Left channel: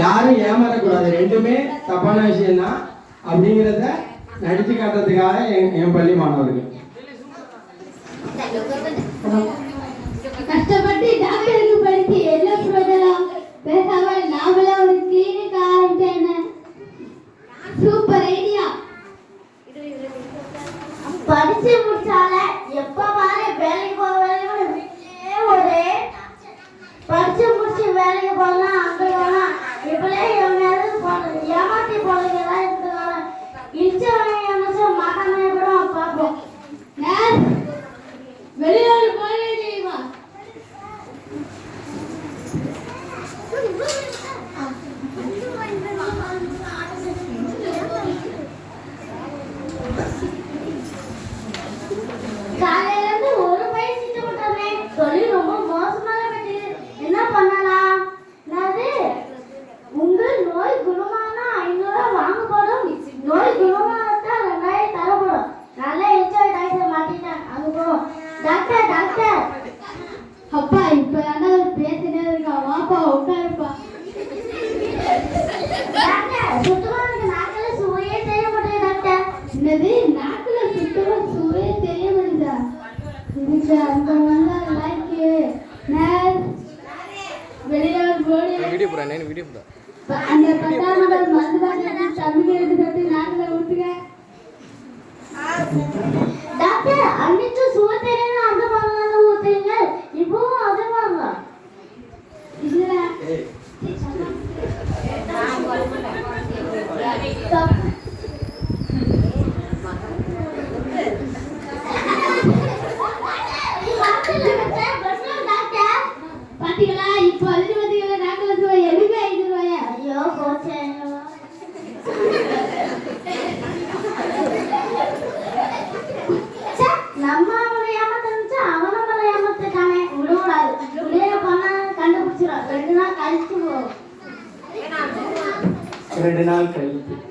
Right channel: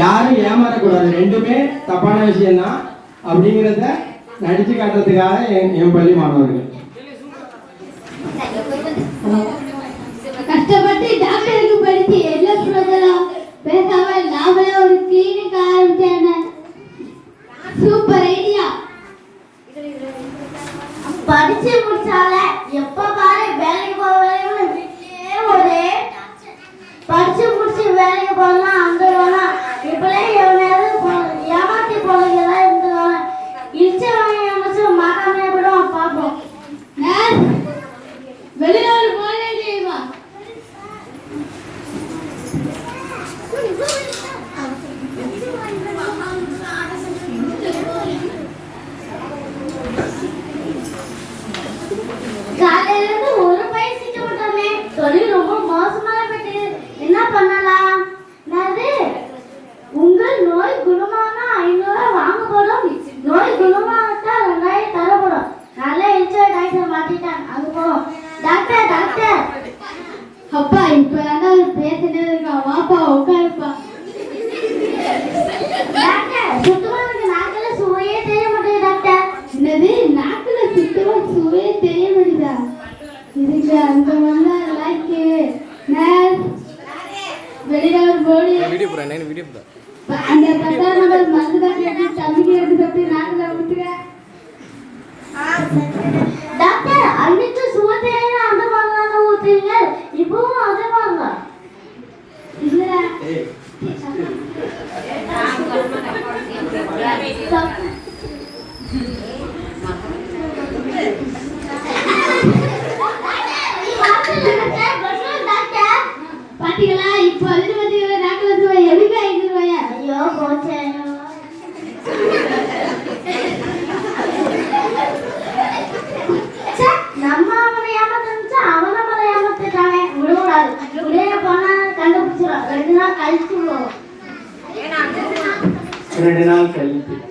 யாரும் ஏமாறக்கூடாது, ரெண்டுமே தப்பான விஷயம்தான் அப்படிங்கிறத நடிச்சு காட்டுறதுக்காக என் பள்ளி மாணவர்கள் கஷ்டப்பட்டு டாக்டருக்கு படிச்சு எல்லா சொல்லலாம் பேசாம நாமளே ஒரு கிளினிக் ஆரம்பிச்சேன். Super idea. படிச்சு முடிச்சால எப்ப பாரு வேலைக்கு போவேன் வீட்லயே ஒரே படிச்சு முடிச்சு வேலைக்கு போனா அங்க போனா இப்பலே எவனையாவது ஏமாத்தி போறீங்களா இருந்து இழிச்ச வாங்க மகாமே கூட பார்ப்போம். வெளியூர் போனே தெரியுமா? காலையில இருந்து ஒரு பையன் சீட்டு விட்டானே, தொழில் ரொம்ப மோசமா போயிட்டு என்ன பண்ணலாம்? அது உங்கள் நோய் குணமானா 500 வாங்கப்படும், நோய் குணமாட்டா 2000 தரப்படும். நல்லா என்ஜாய் டாக்டர் மாத்திட்டான். அங்க போவோம். டாக்டர் டாக்டர் அப்பா இப்பதான் பேசிட்டே இருக்கா, வாப்பா உட்காருப்பா. டாக்டர் சுத்தமா எனக்கு நாக்குல சுவையே தெரிய மாட்டேங்குது டாக்டர். என்னது நாக்குல சுத்தமா சுவையே தெரிய மாட்டேங்குதா? இதுக்கு அந்த வந்தா லைக் நர்ஸ் வெளியில ஒரு போடி வீடியோ போறேன் வீடியோ போறேன் அந்த பத்தாமட மருந்து காட்டி தம்பிக்கு எடுத்து கட்டி நாக்குல விட்டுங்க. டாக்டர் அன்னைக்கு சுவத்தே அந்த மாதிரி ஊத்துறீங்க, இப்பவும் அதே மாதிரி இல்ல. பாத்தீங்களா இப்போ அது பாத்தீங்களா நாக்குல சுவை எப்படி 5 ரூபாயா? ஐயோ போச்சே. நம்ம அவனை ஏமாத்தா அவன் நம்மளை ஏமாத்தானே விடக்கூடாது. உடைய போனா கண்டுபிடிச்சிடும். 2 நாள் கழிச்சு விடுவோம். 2 நாள் கழித்து